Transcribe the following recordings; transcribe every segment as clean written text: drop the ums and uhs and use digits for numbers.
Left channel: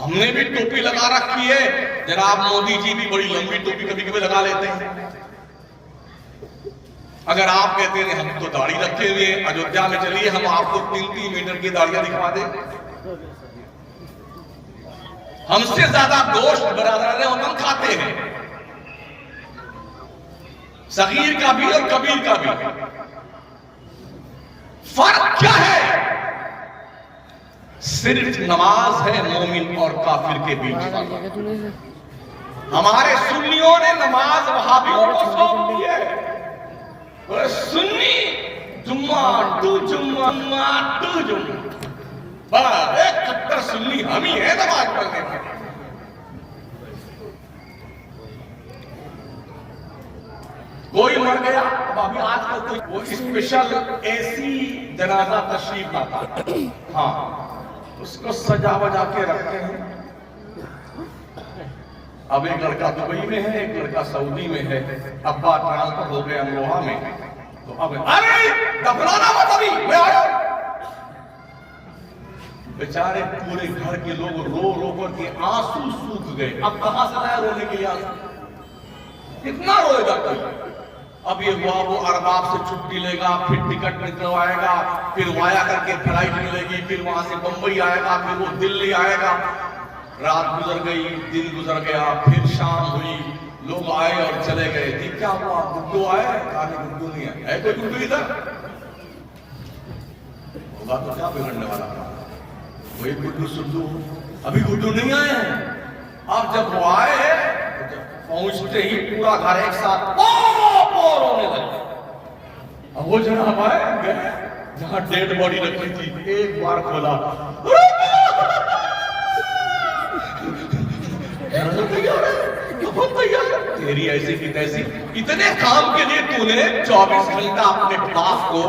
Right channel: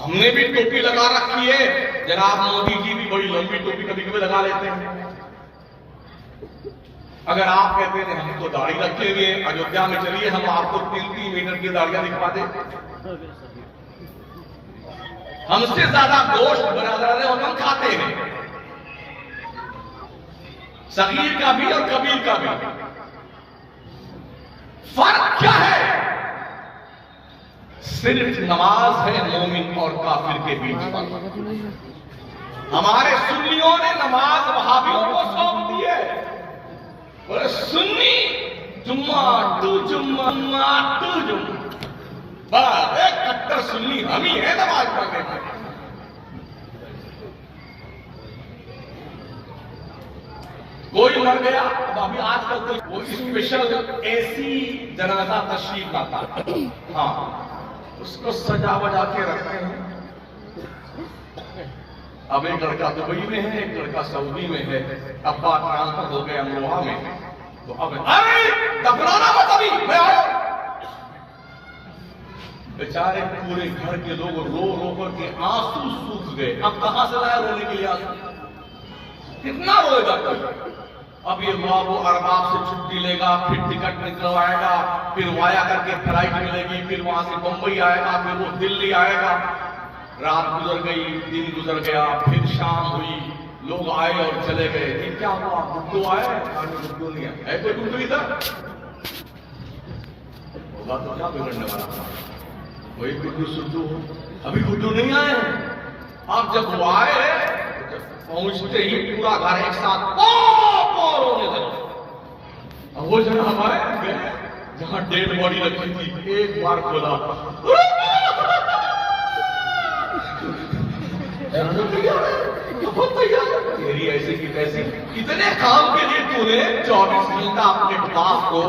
ہم نے بھی ٹوپی لگا رکھی ہے، جناب مودی جی بھی بڑی لمبی ٹوپی کبھی کبھی لگا لیتے ہیں۔ اگر آپ کہتے ہیں ہم تو داڑھی رکھے ہوئے ہیں، ایودھیا میں چلیے ہم آپ کو 3 میٹر کی داڑیاں دکھا دیں۔ ہم سے زیادہ گوشت برادران وطن کھاتے ہیں، صغیر کا بھی اور کبیر کا بھی۔ فرق کیا ہے؟ صرف نماز ہے مومن اور کافر کے بیچ فرق۔ ہمارے سنیوں نے نماز وہابیوں کو سونپ دی ہے۔ سنی جمعہ ٹو جمعہ ٹو جمعہ، بس ایک کٹر سنی ہم ہی ہے نماز پڑھنے کے۔ کوئی مر گیا، اب ابھی آج کل کوئی اسپیشل ایسی جنازہ تشریف لاتا ہے، ہاں اس کو سجا بجا کے رکھتے ہیں۔ اب ایک لڑکا دبئی میں ہے، ایک لڑکا سعودی میں ہے، ابا ٹرانسفر ہو گئے امروہہ میں، تو اب ارے دفنانا مت ابھی میں آیا۔ بیچارے پورے گھر کے لوگ رو رو کر کے آنسو سوکھ گئے۔ اب کہاں سے لایا رونے کے لیے آنسو؟ کتنا روئے گا کوئی؟ اب یہ ہوا وہ ارباب سے چھٹی لے گا، پھر ٹکٹ نکلوائے گا، پھر وایا کر کے فلائٹ ملے گی، پھر وہاں سے بمبئی آئے گا، پھر وہ دلی آئے گا۔ رات گزر گئی، دن گزر گیا، پھر شام ہوئی، لوگ آئے اور چلے گئے۔ ٹھیک کیا ہوا؟ گڈو آئے؟ کہانی گڈو نہیں آئے۔ ہے کوئی گڈو ادھر؟ ہوگا تو کیا بگڑنے والا تھا؟ وہی گڈو سدھو ہو، ابھی گڈو نہیں آئے ہیں۔ اب جب وہ آئے پہنچتے ہی پورا گھر ایک ساتھ رونے لگے۔ اب وہ جناب آئے گئے جہاں ڈیڈ باڈی رکھی تھی، ایک بار کھولا، تیری ایسی کی تیسی، اتنے کام کے لیے تو نے 24 گھنٹہ اپنے باپ کو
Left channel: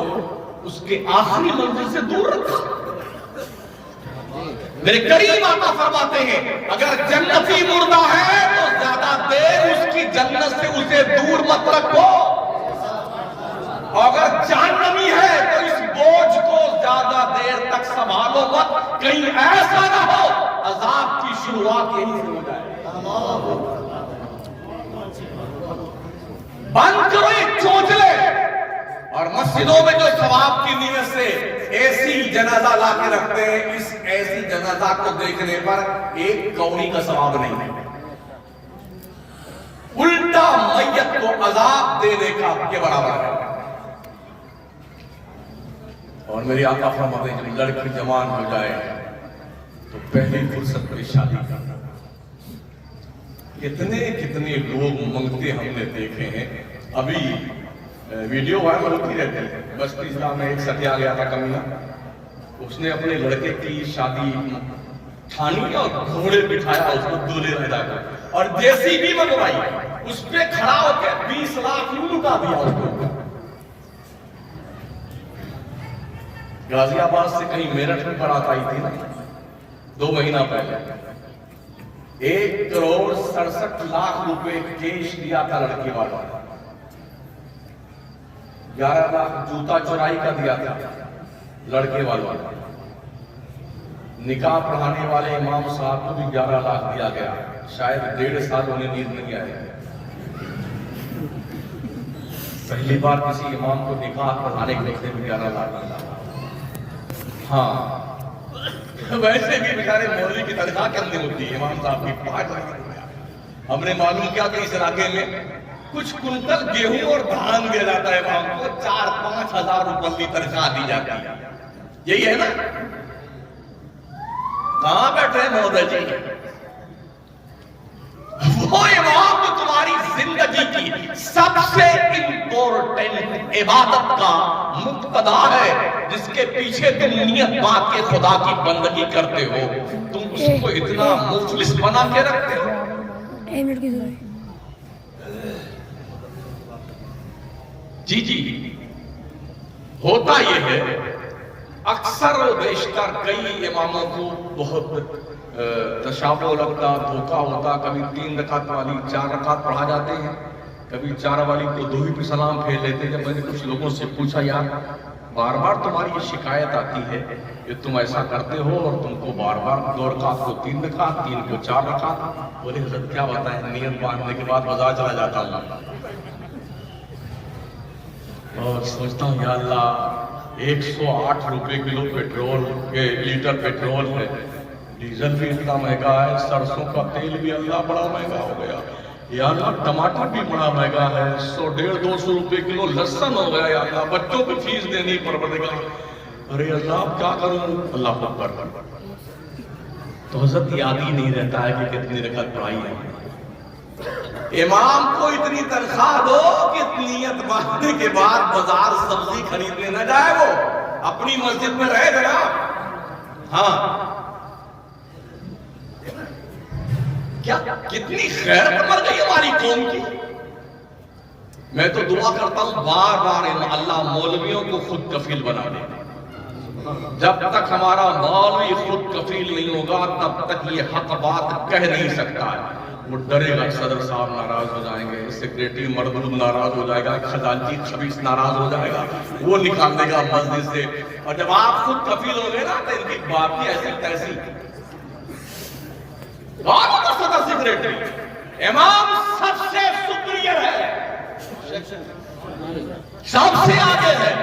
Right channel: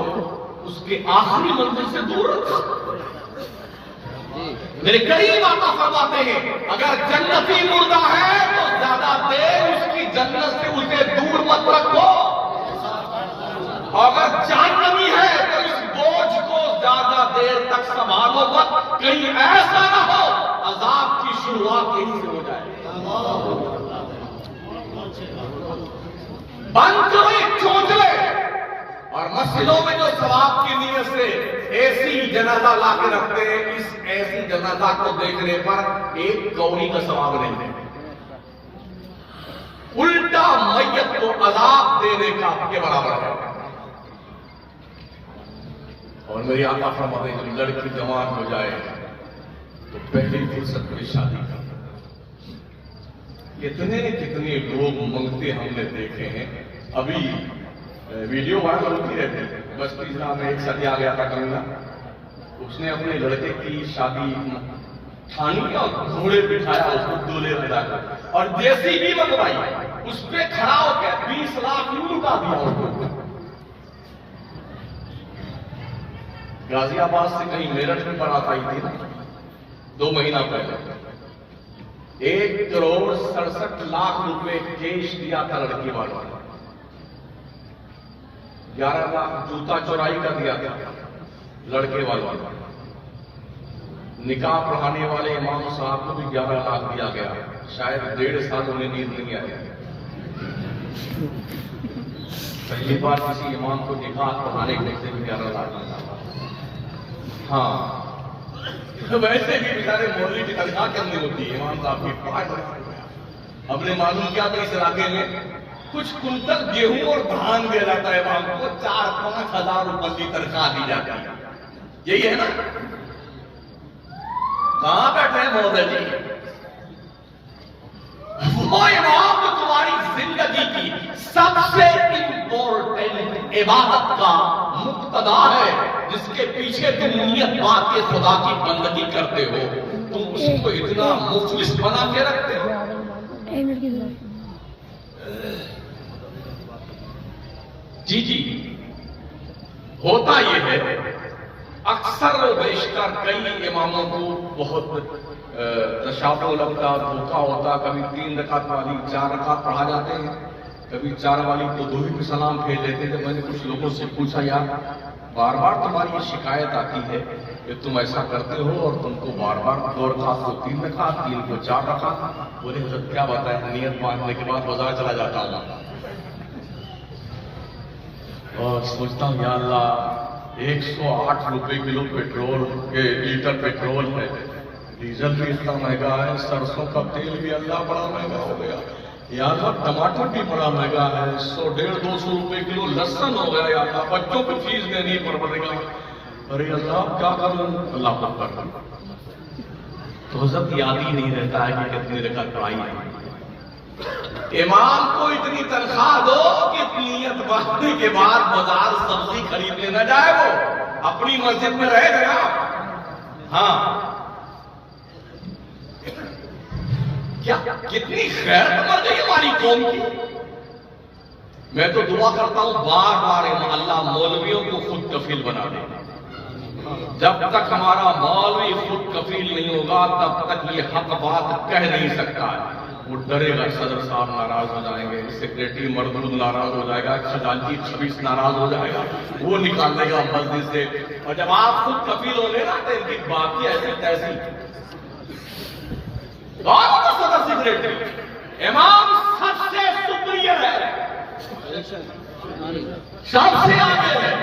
اس کے آخری منزل سے دور رکھا۔ میرے کریم آقا فرماتے ہیں اگر جنتی مردہ ہے تو زیادہ دیر اس کی جنت سے اسے دور مت رکھو، اگر جہنمی ہے تو اس بوجھ کو زیادہ دیر تک سنبھالو مت، کہیں ایسا نہ ہو عذاب کی شروعات یہیں سے ہو جائے۔ بند کرو ایک چونچلے، اور مسجدوں میں جو ثواب کی نیت سے ایسی جنازہ لا کے رکھتے ہیں، اس ایسی جنازہ کو دیکھنے پر ایک کوڑی کا ثواب نہیں ہے، الٹا میت کو عذاب دینے کا کے برابر ہے۔ اور میری آقا فرماتے ہیں جب لڑکی جوان ہو جائے تو پہلی فرصت میں شادی کرنا۔ کتنے لوگ منگتے ہم نے دیکھے ہیں، ابھی ویڈیو وائرل ہوتی رہتی ہے۔ بس تیسرا میں ایک ساتھی آ گیا تھا کمینا، اس نے اپنے لڑکے کی شادی ٹھانی اور گھوڑے بٹھایا اس کو دولہے ادا کر، اور دیسی بھی منگوائی، اس پہ کھڑا ہو کے 20 لاکھ یوں لٹا دیا اس کو۔ غازی آباد سے کہیں میرٹھ میں بارات آئی تھی نا 2 مہینہ پہلے، 1 کروڑ 67 لاکھ روپے کیش دیا تھا لڑکی والا، 11 لاکھ جوتا چورائی کا دیا تھا لڑکے والا، نکاح پڑھانے والے امام صاحب کو بھی 11 لاکھ دیا گیا، شاید 1.5 سال انہیں نیند نہیں آئی۔ پہلی بار کسی امام کو نکاح پڑھانے کے لیے بھی 11 لاکھ دیا۔ ہاں ویسے بھی بیچارے مولوی کی تنخواہ کم نہیں ہوتی، امام صاحب کی 5 لاکھ۔ ہم نے معلوم کیا کہ اس علاقے میں کچھ کنٹل گیہوں اور دھان دیا جاتا ہے، ہم کو 4-5 ہزار روپے کی تنخواہ دی جاتی ہے، یہی ہے نا؟ کہاں بیٹھے ہیں مہودے جی؟ وہ امام جو تمہاری زندگی کی سب سے امپورٹنٹ عبادت کا مقتدا ہے، جس کے پیچھے تم نیت باندھ کے خدا کی بندگی کرتے ہو، تم اس کو اتنا مفلس بنا کے رکھتے ہو۔ جی ہوتا یہ ہے، اکثر و بیشتر کئی اماموں کو بہت تشابہ لگتا، دھوکہ ہوتا، کبھی 3 رکعت والی 4 رکعت پڑھا جاتے ہیں، کبھی 4 والی تو 2 ہی پہ سلام پھیر لیتے ہیں۔ میں نے کچھ لوگوں سے پوچھا یار بار بار تمہاری یہ شکایت آتی ہے کہ تم ایسا کرتے ہو اور تم کو بار بار 2 رکعت کو 3 رکھا، 3 کو 4 رکھا. بولے حضرت کیا بتائیں، نیت باندھنے کے بعد بازار چلا جاتا ہوں اور سوچتا ہوں یا اللہ 108 روپے کلو پیٹرول کے لیٹر پیٹرول ہے، ڈیزل بھی اتنا مہنگا ہے، سرسوں کا تیل بھی اللہ بڑا مہنگا ہو گیا، یا اللہ ٹماٹر بھی بڑا مہنگا ہے، 100-150 روپے کلو لہسن ہو گیا، یا اللہ بچوں کو فیس دینی پڑے گا، ارے اللہ کیا کروں. اللہ اکبر. تو حضرت یاد ہی نہیں رہتا ہے کہ کتنی رکعت پڑھائی ہے. امام کو اتنی تنخواہ دو کہ نیت باندھنے کے بعد بازار سبزی خریدنے نہ جائے، وہ اپنی مسجد میں رہے جناب. ہاں کیا کتنی خیر مر گئی ہماری قوم کی. میں تو دعا کرتا ہوں بار بار اللہ مولویوں کو خود کفیل بنا دے. جب تک ہمارا مولوی خود کفیل نہیں ہوگا تب تک یہ حق بات کہہ نہیں سکتا ہے. وہ ڈرے گا صدر صاحب ناراض ہو جائیں گے، سیکریٹری مردود ناراض ہو جائے گا، خزانچی 26 ناراض ہو جائے گا، وہ نکال دے گا مسجد سے. اور جب آپ خود کفیل ہو گے نا تو ان کی بات کی ایسی تیسی. صدر سیکریٹری امام سب سے سپیریئر ہے، سب سے آگے ہے.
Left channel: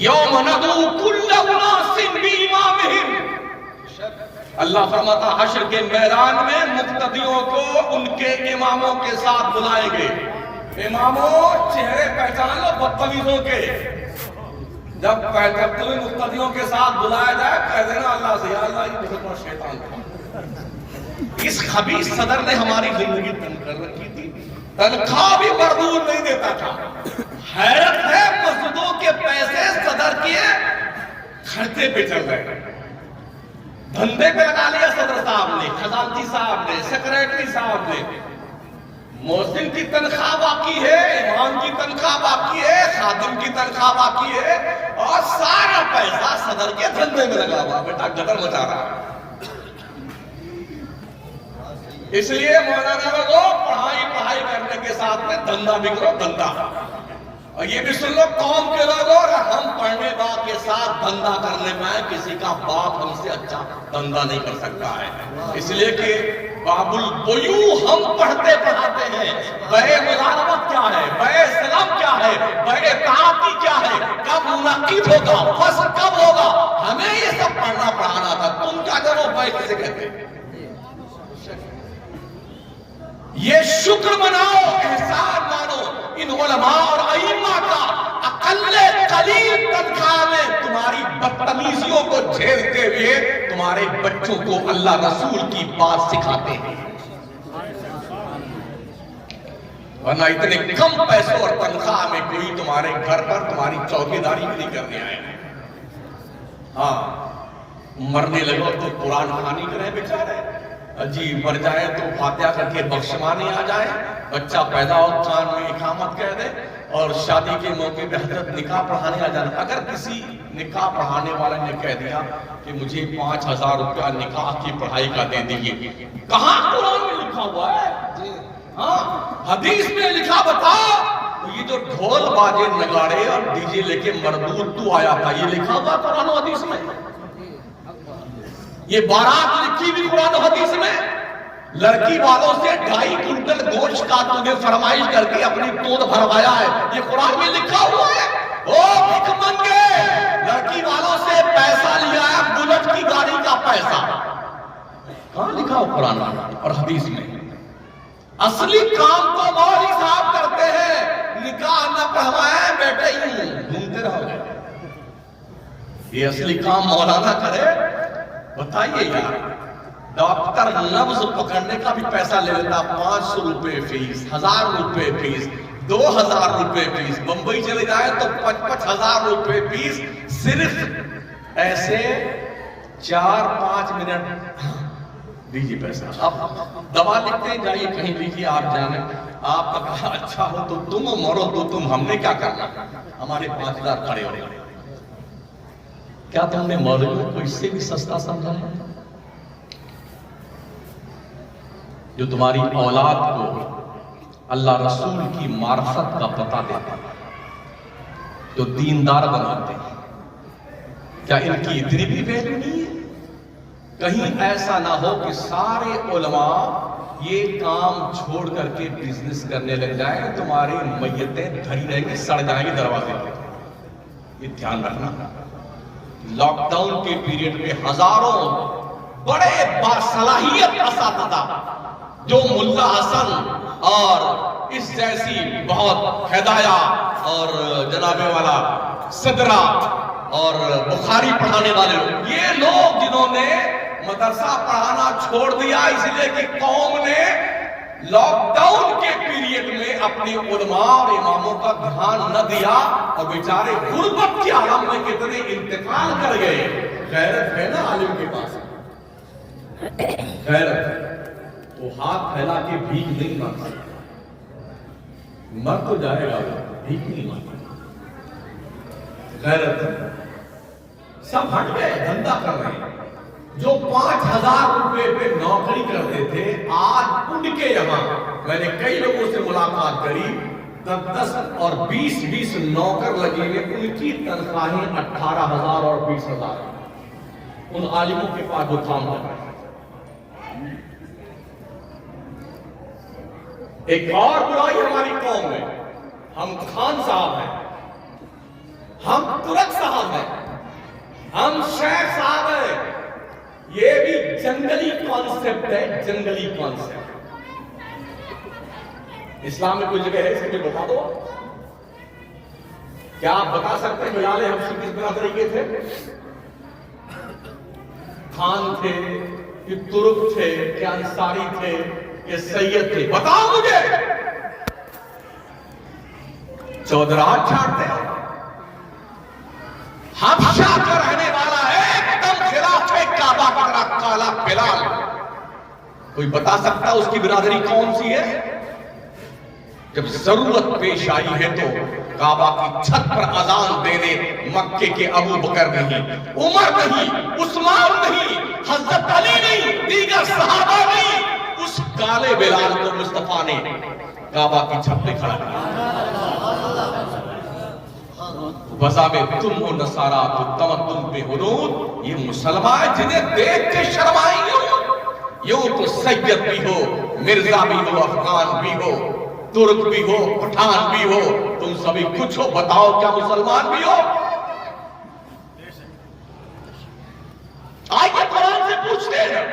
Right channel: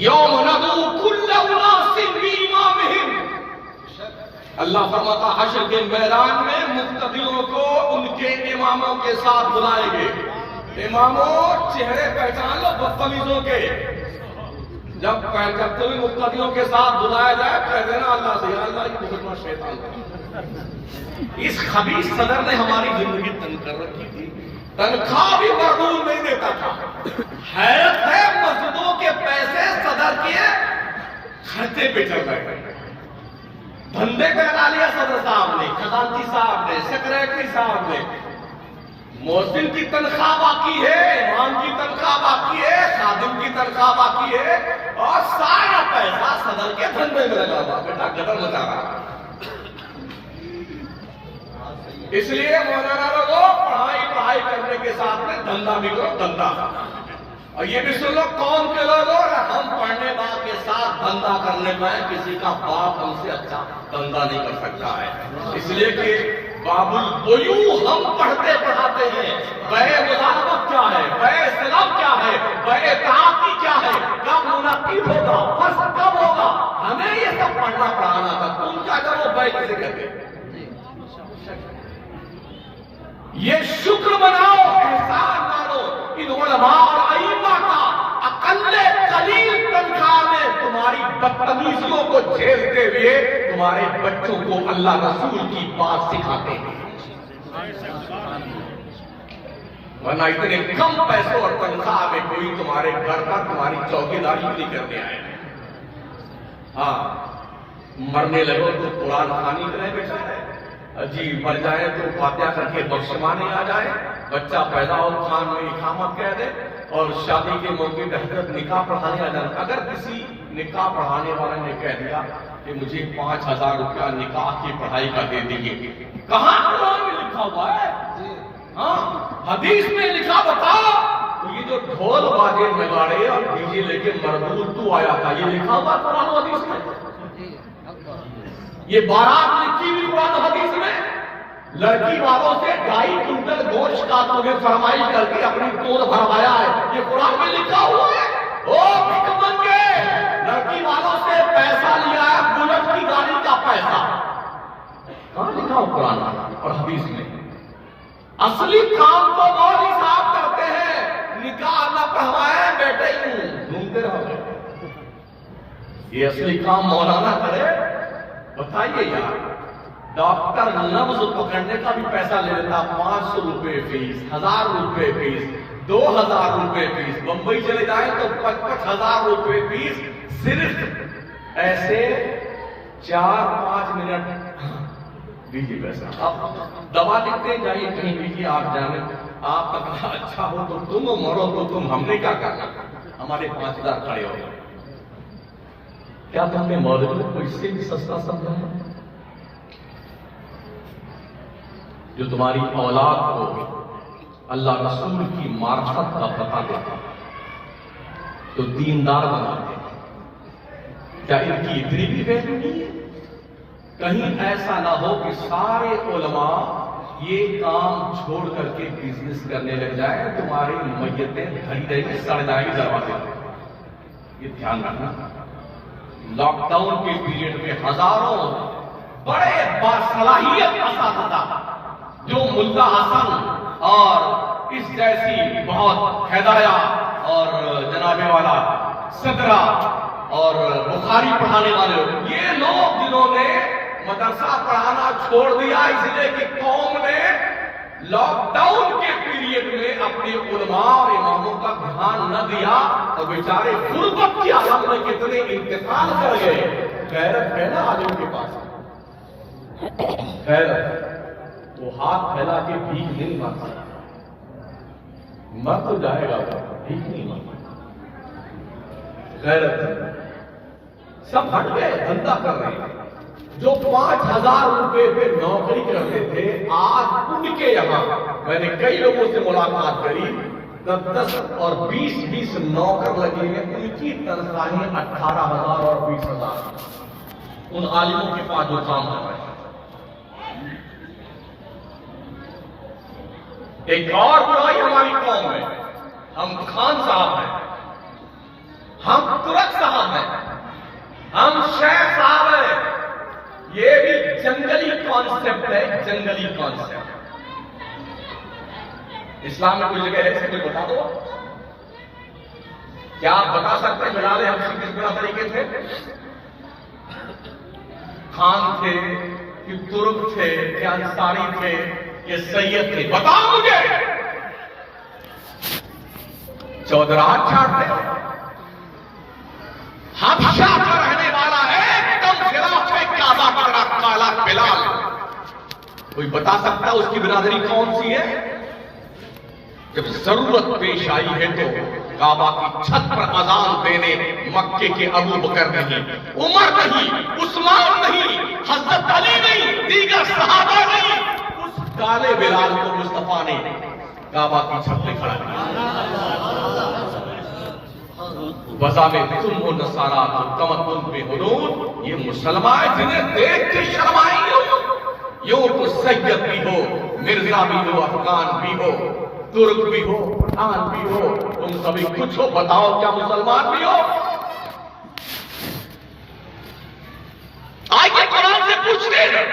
یوم ندعو کل اناس بامامہم، اللہ فرماتا حشر کے میدان میں مقتدیوں کو ان کے اماموں کے ساتھ بلائیں گے. اماموں چہرے پہچان لو بدتمیزوں کے. جب کرتے ہوئے مقتدیوں کے ساتھ بلایا جائے کہہ دینا اللہ سے یا اللہ یہ بہت شیطان تھا. اس خبیث صدر نے ہماری زندگی تنگ کر رکھی تھی، تنخواہ بھی مقبول نہیں دیتا تھا. حیرت ہے مسجدوں کے پیسے صدر کے خرچے پہ چل رہے ہیں. دھندے پہ لگا لیا صدر صاحب نے، خزانچی صاحب نے، سیکریٹری صاحب نے. مؤذن کی تنخواہ باقی ہے، امام کی تنخواہ باقی ہے، خادم کی تنخواہ باقی ہے، اور سارا پیسہ صدر کے دھندے میں لگا ہوا. بیٹا گدر لگا رہا. اس لیے مولانا لوگوں پڑھائی کرنے کے ساتھ میں دھندا بھی کرو، دھندا. اور یہ بھی سن لو قوم کے لوگوں، ہم پڑھنے باپ کے ساتھ دھندا کرنے پائے کسی کا باپ ہم سے اچھا دھندا نہیں کر سکتا ہے. اس لیے کہ باب البیوع ہم پڑھتے پڑھاتے ہیں. بے ملازمت کیا ہے، بے سلام کیا ہے، بے تعاقی کیا ہے، کب منعقد ہوگا، فصل کب ہوگا، ہمیں یہ سب پڑھنا پڑھانا تھا. تم کیا کرو بے کسے کہتے. یہ شکر مناؤ، احسان مانو ان علماء اور ائمہ کا اقل قلیل تنخواہ میں تمہاری بدتمیزیوں کو جھیلتے ہوئے تمہارے بچوں کو اللہ رسول کی بات سکھاتے ہیں. ورنہ اتنے کم پیسوں اور تنخواہ میں کوئی تمہارے گھر پر تمہاری چوکیداری نہیں کرنے آئے گا. ہاں مرنے لگو تو قرآن خوانی کرے بیچارے، جی مر جائے تو فاتحہ کر کے بخشمانی آ جائے، بچہ پیدا ہو کان میں اقامت کہہ دے، اور شادی کے موقع پہ حضرت نکاح پڑھانے آ جانا. اگر کسی نکاح پڑھانے والے نے کہہ دیا کہ مجھے 5000 روپیہ نکاح کی پڑھائی کا دے دیجیے، کہاں قرآن میں لکھا ہوا ہے؟ ہاں حدیث میں لکھا بتا. یہ جو ڈھول باجے نگاڑے اور ڈی جے لے کے مردود تو آیا تھا، یہ لکھا ہوا قرآن و حدیث میں. یہ بارات لکھی بھی قرآن و حدیث میں. لڑکی والوں سے 2.5 کنٹل گوشت کاٹو گے فرمائش کر کے اپنی دودھ بھروایا ہے، یہ قرآن میں لکھا ہوا ہے. او بھیک منگے، لڑکی والوں سے پیسہ لیا ہے، بلٹ کی گاڑی کا پیسہ. کہاں لکھا ہو قرآن اور حدیث میں؟ اصلی کام تو مولوی صاحب کرتے ہیں، نکاح نہ پڑھوائے بیٹے ہی گھومتے رہو گے. یہ اصلی کام مولانا کرے. بتائیے یار، ڈاکٹر لفظ پکڑنے کا بھی پیسہ لے لیتا، 500 روپے فیس، 1000 روپے فیس، 2000 روپے فیس. بمبئی چلے جائیں تو 55,000 روپے فیس. صرف ایسے 4-5 منٹ دیجیے پیسہ. اب دوا لکھتے ہیں جائیے کہیں دیجیے، آپ جانے. آپ کا کہا اچھا ہو تو تم ہو، مرو تو تم، ہم نے کیا کرنا، ہمارے 5000 کھڑے ہو گئے. کیا تم نے مولوی کو اس سے بھی سستا سمجھا ہے؟ جو تمہاری اولاد کو اللہ رسول کی معرفت کا پتہ دیتا ہے. تو دیندار بناتے ہیں. کیا ان کی اتنی بھی ویلیو نہیں ہے؟ کہیں ایسا نہ ہو کہ سارے علماء یہ کام چھوڑ کر کے بزنس کرنے لگ جائیں، تمہاری میتیں دھری رہیں گی، سڑ جائیں گی دروازے پہ. یہ دھیان رکھنا. لاک ڈاؤن کے پیریڈ میں ہزاروں بڑے باصلاحیت اساتذہ جو ملا حسن اور اس جیسی بہت ہدایہ اور جناب والا صدرہ اور بخاری پڑھانے والے لوگ، یہ لوگ جنہوں نے مدرسہ پڑھانا چھوڑ دیا اس لیے کہ قوم نے لاک ڈاؤن کے پیریڈ میں اپنے علماء اور اماموں کا دھیان نہ دیا اور بیچارے غربت کے عالم میں کتنے انتقال کر گئے. غیرت ہے نا عالم کے پاس، غیرت وہ ہاتھ پھیلا کے بھیک نہیں مانگتا. مر تو جائے گا، بھیک نہیں مانگتا. غیرت سب ہٹ گئے، دھندا کر رہے ہیں. جو 5,000 روپے پہ نوکری کرتے تھے آج ان کے یہاں میں نے کئی لوگوں سے ملاقات کری، 10 اور 20 نوکر لگے ہیں، ان کی تنخواہیں 18,000 اور 20,000 ان عالموں کے پاس جو کام کر رہے ہیں. ایک اور برائی ہماری قوم میں، ہم خان صاحب ہیں، ہم ترک صاحب ہیں، ہم شیخ صاحب ہیں. یہ بھی جنگلی کانسیپٹ ہے، جنگلی کانسیپٹ. اسلام میں کوئی جگہ ہے اسے بتا دو. کیا آپ بتا سکتے ہیں بلال حبشی کس برادری کے تھے؟ خان تھے کہ ترک تھے کہ انصاری تھے کہ سید تھے؟ بتاؤ مجھے. چودراہٹ چھاڑتے حبشہ کا رہنے والا ایک دم خلاف ہے کعبہ کا کالا بلال. کوئی بتا سکتا اس کی برادری کون سی ہے؟ جب ضرورت پیش آئی ہے تو کعبہ کی چھت پر اذان دینے مکے کے ابو بکر نہیں، عمر نہیں، عثمان نہیں، حضرت علی نہیں، دیگر صحابہ نہیں، اس کالے بلال کو مصطفیٰ نے کعبہ کی چھت پہ کھڑا کیا. وضع میں تم ہو نصارہ تو تمدن پہ حنود، یہ مسلمان جنہیں دیکھ کے شرمائیں گے. یوں تو سید بھی ہو، مرزا بھی ہو، افغان بھی ہو، ترک بھی ہو، پٹھان بھی ہو، تم سبھی کچھ ہو. بتاؤ کیا مسلمان بھی ہو؟ آئیے قرآن سے پوچھتے ہیں،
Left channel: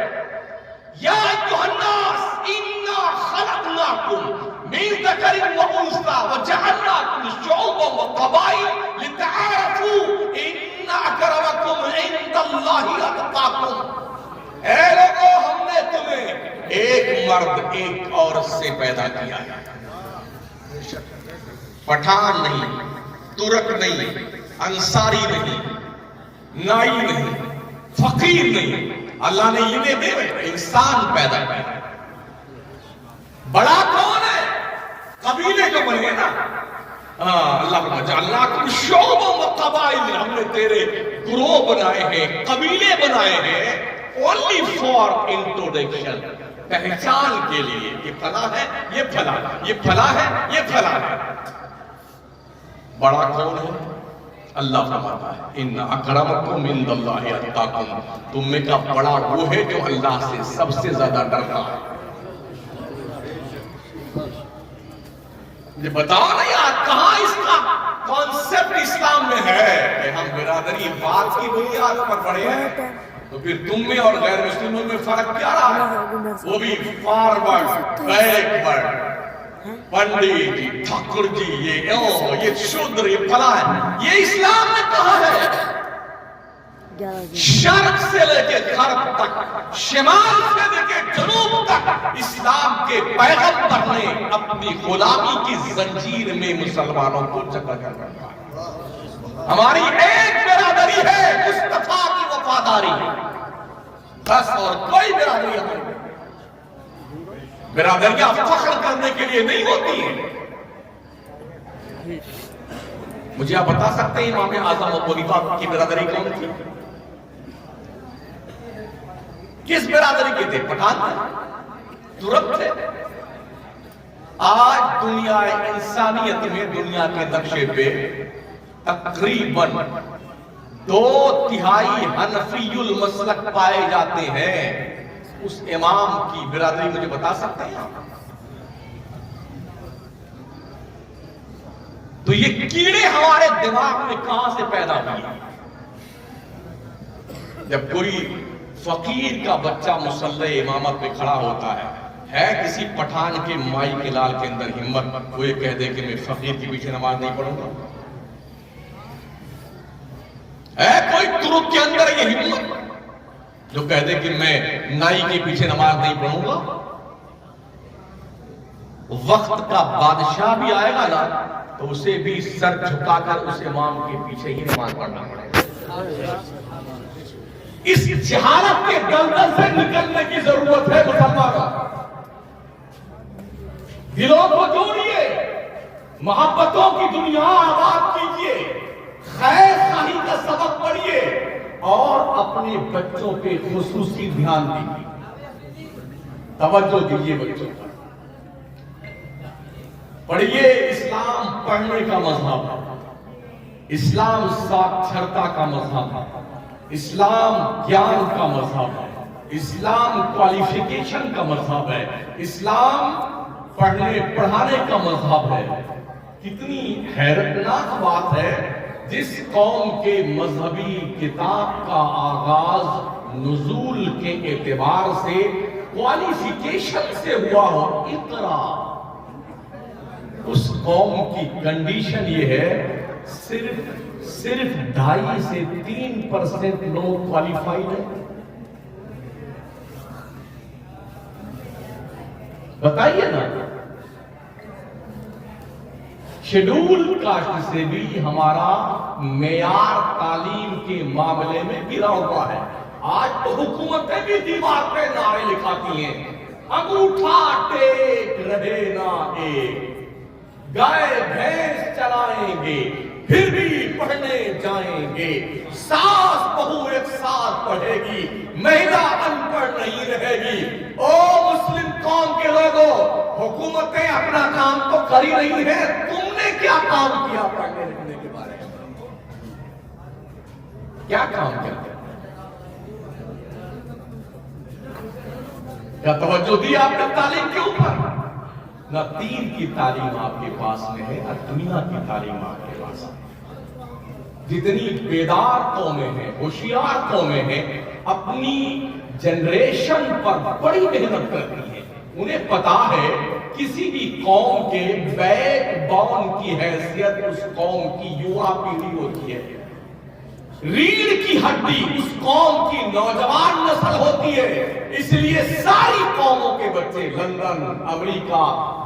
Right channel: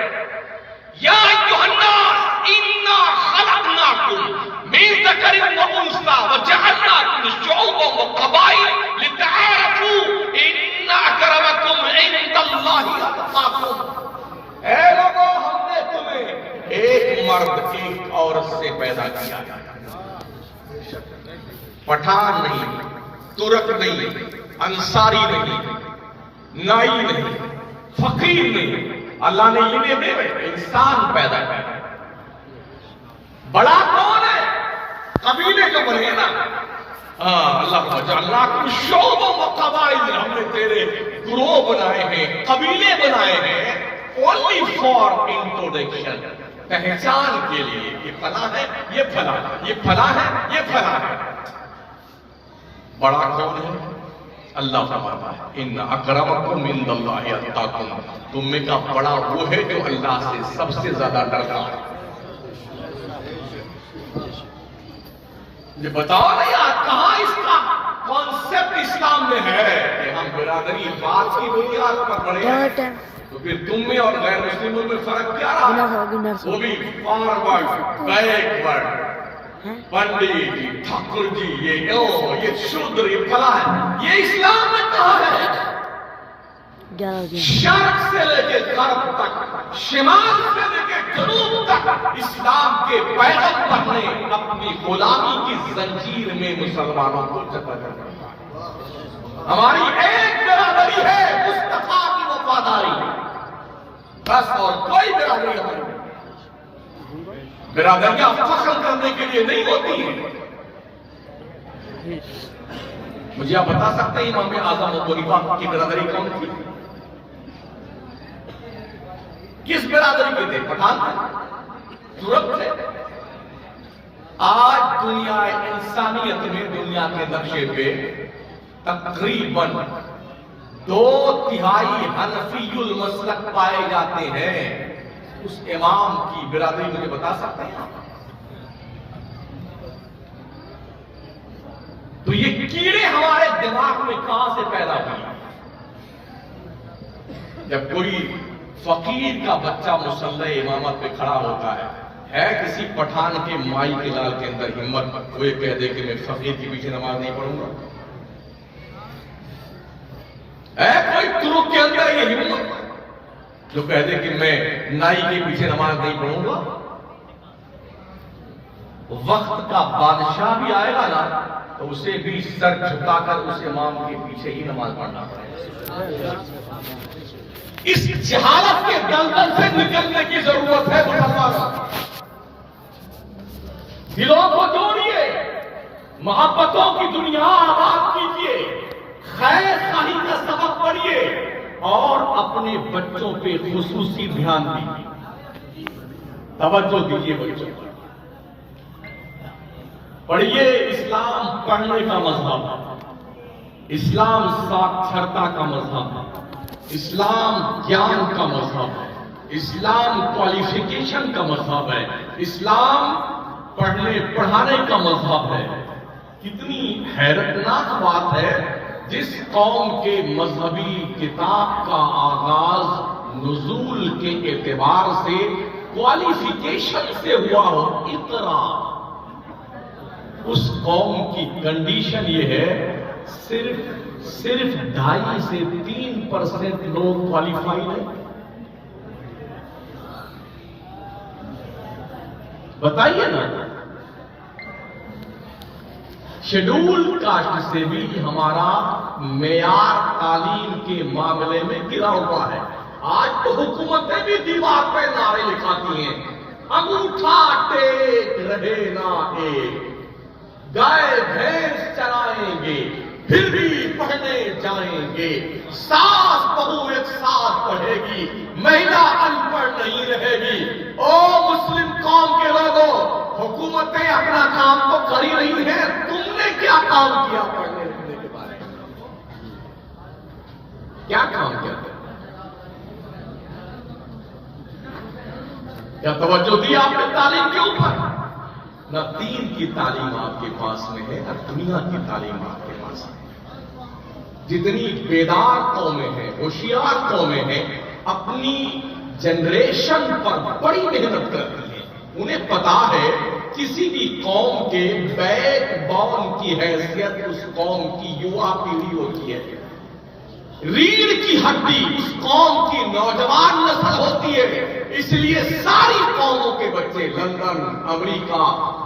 یا ایھا الناس انا خلقناکم من ذکر و انثی وجعلناکم شعوبا وقبائل لتعارفوا ان اکرمکم عند اللہ اتقاکم. اے لوگوں، ہم نے تمہیں ایک مرد ایک عورت سے پیدا کیا ہے. پٹھان نہیں، ترک نہیں، انصاری نہیں، نائی نہیں، فقیر نہیں. اللہ نے انہیں دے انسان پیدا کیا. بڑا کون ہے؟ قبیلے کو بنے نا. اللہ جعلناکم شعوبا وقبائل، ہم نے تیرے گروہ بنائے ہیں، قبیلے بنائے ہیں. only for introduction، پہچان کے لیے. یہ فلاں ہے، یہ فلاں، یہ فلاں ہے، یہ فلاں ہے. بڑا کون ہے؟ اللہ فرماتا ہے ان اکرمکم عند اللہ اتقاکم، تم میں کا بڑا وہ ہے جو اللہ سے سب سے زیادہ ڈرتا ہے. یہ بتاؤ نا یار، کہاں اس کا کانسیپٹ اسلام میں ہے کہ ہم برادری بات کی بنیاد پر پڑھے ہیں؟ تو پھر تم میں اور غیر مسلموں میں فرق کیا رہا ہے؟ وہ بھی فارورڈ، بیکورڈ، پنڈت جی، ٹھاکر جی، یہ شودر، یہ فلاں ہے. یہ اسلام نے کہا ہے شرق سے لے کے غرب تک، شمال سے لے کے جنوب تک اسلام کے پیغمبر نے اپنی غلامی کی زنجیر میں مسلمانوں کو جکڑ کر رکھا. ہماری ایک برادری ہے، مصطفیٰ کی وفاداری، بس. اور کوئی برادری ہماری نہیں. برادریاں فخر کرنے کے لیے نہیں ہوتی ہیں. مجھے آپ بتا سکتے ہیں امام اعظم ابو حنیفہ کی برادری کون تھی؟ کس برادری کے تھے؟ پٹھان تھے؟ ترک تھے؟ آج دنیا انسانیت میں دنیا کے نقشے پہ تقریباً 2/3 حنفی المسلک پائے جاتے ہیں، اس امام کی برادری مجھے بتا سکتے ہیں؟ تو یہ کیڑے ہمارے دماغ میں کہاں سے پیدا ہوئے؟ جب کوئی فقیر کا بچہ مصلی امامت پہ کھڑا ہوتا ہے کسی پٹھان کے مائی کے لال کے اندر ہمت وہ یہ کہہ دے کہ میں فقیر کے پیچھے نماز نہیں پڑھوں گا؟ ہے کوئی ترک کے اندر یہ ہمت جو کہہ دے کہ میں نائی کے پیچھے نماز نہیں پڑھوں گا؟ وقت کا بادشاہ بھی آئے گا نا تو اسے بھی سر جھکا کر اس امام کے پیچھے ہی نماز پڑھنا ہے۔ اس جہالت کے دلدل سے نکلنے کی ضرورت ہے مسلمانوں۔ دلوں کو جوڑیے، محبتوں کی دنیا آباد کیجیے، خیر خواہی کا سبق پڑھیے اور اپنے بچوں پہ خصوصی دھیان دیجیے، توجہ دیجیے بچوں پر۔ پڑھیے، اسلام پڑھنے کا مذہب ہے، اسلام ساکھرتا کا مذہب ہے، اسلام گیان کا مذہب ہے، اسلام کوالیفیکیشن کا مذہب ہے، اسلام پڑھنے پڑھانے کا مذہب ہے۔ کتنی حیرتناک بات ہے، جس قوم کے مذہبی کتاب کا آغاز نزول کے اعتبار سے کوالیفیکیشن سے ہوا ہو، اقرا، اس قوم کی کنڈیشن یہ ہے صرف 2.5 سے 3% لوگ کوالیفائیڈ ہیں۔ بتائیے نا، شیڈول کاسٹ سے بھی ہمارا معیار تعلیم کے معاملے میں گرا ہوا ہے۔ آج تو حکومتیں بھی دیوار پہ نعرے لکھاتی ہیں، انگوٹھا ٹیک رہے نا ایک، گائے بھینس چرائیں گے پھر بھی پڑھنے جائیں گے، ساس بہو ایک ساتھ پڑھے گی، مہیلا ان پڑھ نہیں رہے گی۔ او مسلم قوم کے لوگوں، حکومتیں اپنا کام تو کر ہی رہی ہیں، تم نے کیا کام کیا پڑھنے لکھنے کے بارے میں؟ کیا کام کرتے؟ کیا توجہ دی آپ نے تعلیم کے اوپر؟ نہ دین کی تعلیم آپ کے پاس میں ہے، نہ دنیا کی تعلیم آپ کے پاس میں ہے۔ جتنی بیدار قومیں ہیں، ہوشیار قومیں ہیں، اپنی جنریشن پر بڑی محنت کرتی ہیں۔ انہیں پتا ہے کسی بھی قوم کے بیک بون کی حیثیت اس قوم کی یووا پیڑھی ہوتی ہے، ریڑھ کی ہڈی اس قوم کی نوجوان نسل ہوتی ہے۔ اس لیے ساری قوموں کے بچے لندن، امریکہ،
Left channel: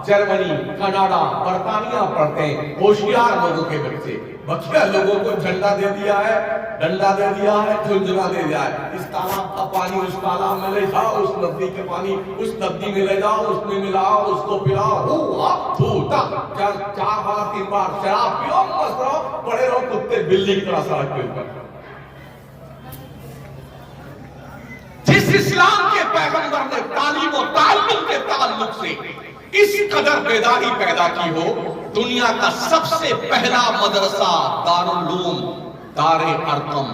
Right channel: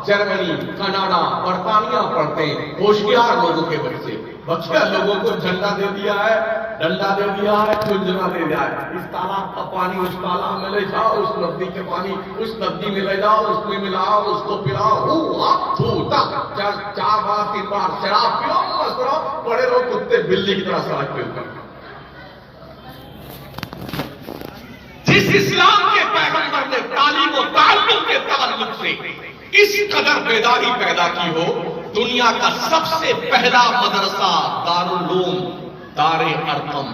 جرمنی، کینیڈا، برطانیہ پڑھتے ہیں، ہوشیار لوگوں کے بچے۔ بچے لوگوں کو جھنڈا دے دیا ہے، ڈنڈا دے دیا ہے، جھنجھنا دے دیا ہے، اس تالاب کا پانی اس تالاب میں لے جاؤ، اس ندی کے پانی اس ندی میں لے جاؤ، اس میں ملاؤ، اس کو پلاؤ، 4 بار 3 بار شراب پیو، مست رہو، پڑے رہو کتے بلی کی طرح سڑک پہ اوپر۔ جس اسلام کے پیغمبر نے تعلیم و تعلم کے تعلق سے اس قدر بیداری پیدا کی ہو، دنیا کا سب سے پہلا مدرسہ دارالعلوم دار ارقم،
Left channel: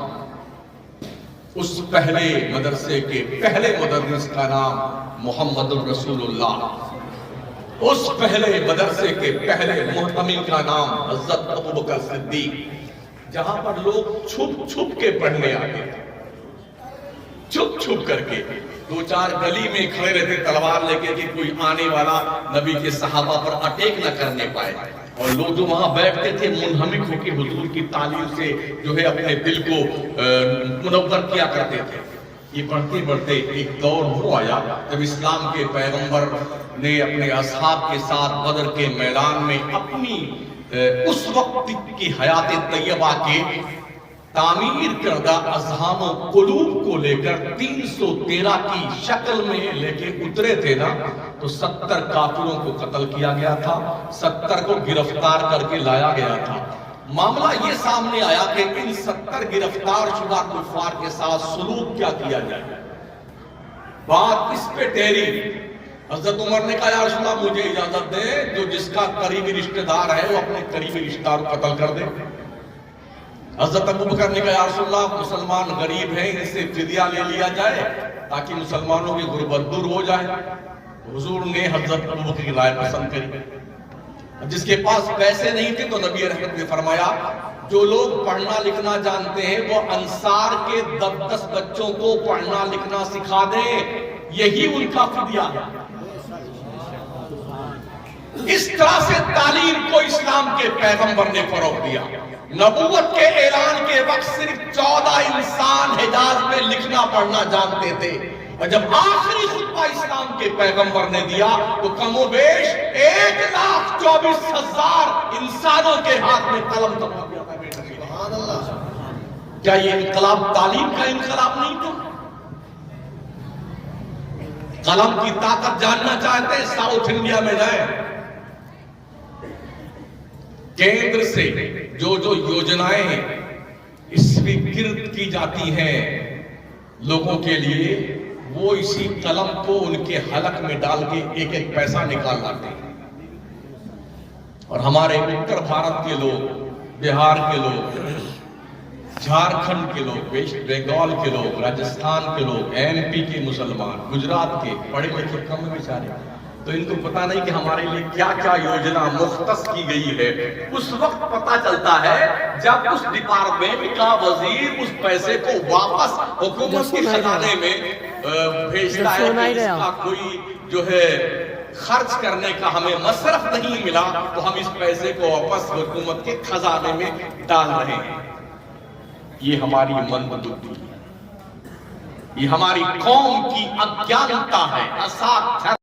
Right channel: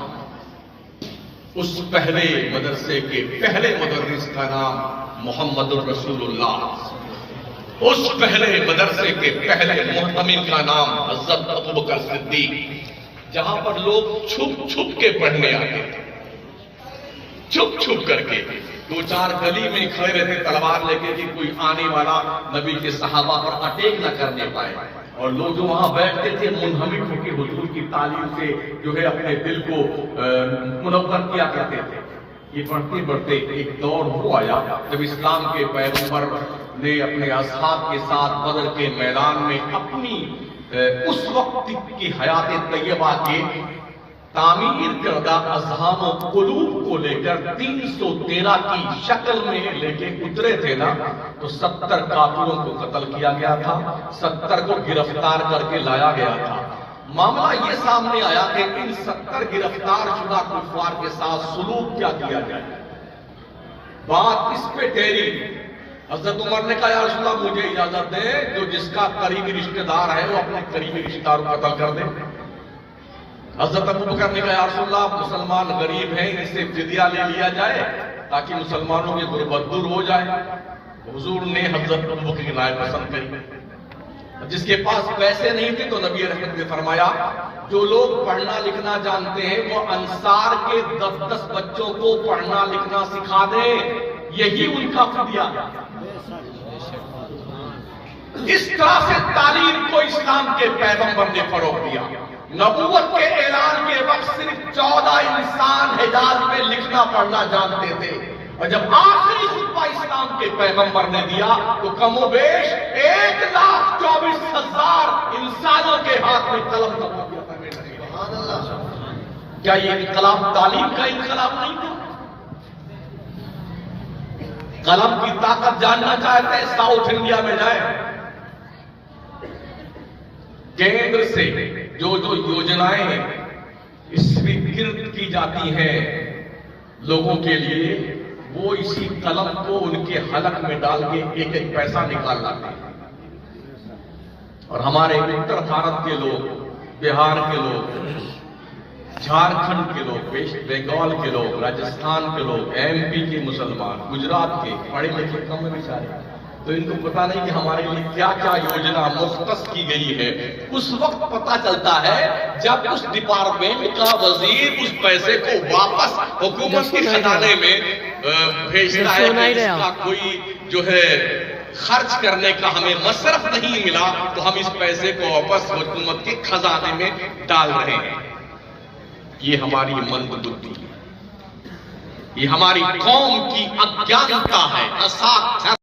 اس پہلے مدرسے کے پہلے مدرس کا نام محمد الرسول اللہ، اس پہلے مدرسے کے پہلے محتمم کا نام حضرت ابوبکر صدیق، جہاں پر لوگ چھپ چھپ کے پڑھنے آتے تھے، چھپ چھپ کر کے 2-4 گلی میں کھڑے رہتے تلوار لے کے کہ کوئی آنے والا نبی کے صحابہ پر اٹیک نہ کرنے پائے، اور لوگ جو وہاں بیٹھتے تھے منہمک ہو کے حضور کی تعلیم سے جو ہے اپنے دل کو منور کیا کرتے تھے۔ یہ بڑھتے بڑھتے ایک دور وہ آیا جب اسلام کے پیغمبر نے اپنے اصحاب کے ساتھ بدر کے میدان میں اپنی اس وقت کی حیات طیبہ کے تعمیر کردہ اذہان و قلوب کو لے کر 313 کی شکل میں لے کے اترے تھے نا، تو 70 کافروں کو قتل کیا گیا تھا، 70 کو گرفتار کر کے لایا گیا تھا۔ معاملہ یہ سامنے آیا کہ ان 70 گرفتار شدہ کفار کے ساتھ سلوک کیا کیا جائے۔ بات اس پہ ٹھہری، حضرت عمر نے کہا یا رسول اللہ مجھے اجازت دیں، جو جس کا قریبی رشتہ دار ہے وہ اپنے قریبی رشتہ دار کو قتل کر دے۔ حضرت ابوبکر نے کہا یا رسول اللہ مسلمان غریب ہیں ان سے فدیہ لے لیا جائے تاکہ مسلمانوں کی غربت دور ہو جائے. حضور نے حضرت ابوبکر کی رائے پسند کری. جس کے پاس پیسے نہیں تھے تو نبی رحمت نے فرمایا جو لوگ پڑھنا لکھنا جانتے ہیں وہ انصار کے 10 بچوں کو پڑھنا لکھنا سکھا دیں, یہی ان کا فدیہ ہے. اس طرح سے تعلیم کو اسلام کے پیغمبر نے فروغ دیا. نبوت کے اعلان کے وقت صرف 14 انسان حجاز میں لکھنا پڑھنا جانتے تھے, اور جب آخری خطبہ اسلام کے پیغمبر نے دیا تو کم و بیش 1,24,000 انسانوں کے ہاتھ میں قلم تھما دیا تھا. کیا یہ انقلاب تعلیم کا انقلاب نہیں تھا؟ قلم کی طاقت جاننا چاہتے ہیں ساؤتھ انڈیا میں جائیں. کیندر سے جو یوجنائیں سویکرت کی جاتی ہیں لوگوں کے لیے, وہ اسی قلم کو ان کے حلق میں ڈال کے ایک ایک پیسہ نکال لاتے ہیں. اور ہمارے اتر بھارت کے لوگ, بہار کے لوگ, جھارکھنڈ کے لوگ, ویسٹ بنگال کے لوگ, راجستھان کے لوگ, ایم پی کے مسلمان, گجرات کے پڑھے لکھے کم بیچارے, تو ان کو پتا نہیں کہ ہمارے لیے کیا کیا یوجنا مختص کی گئی ہے. اس وقت پتا چلتا ہے جب اس ڈپارٹمنٹ کا وزیر اس پیسے کو واپس حکومت کے خزانے میں بھیجتا ہے کہ اس کا کوئی جو ہے خرچ کرنے کا ہمیں مصرف نہیں ملا تو ہم اس پیسے کو واپس حکومت کے خزانے میں ڈال رہے ہیں. یہ ہماری مند بُدھی ہے, یہ ہماری قوم کی اگیانتا ہے.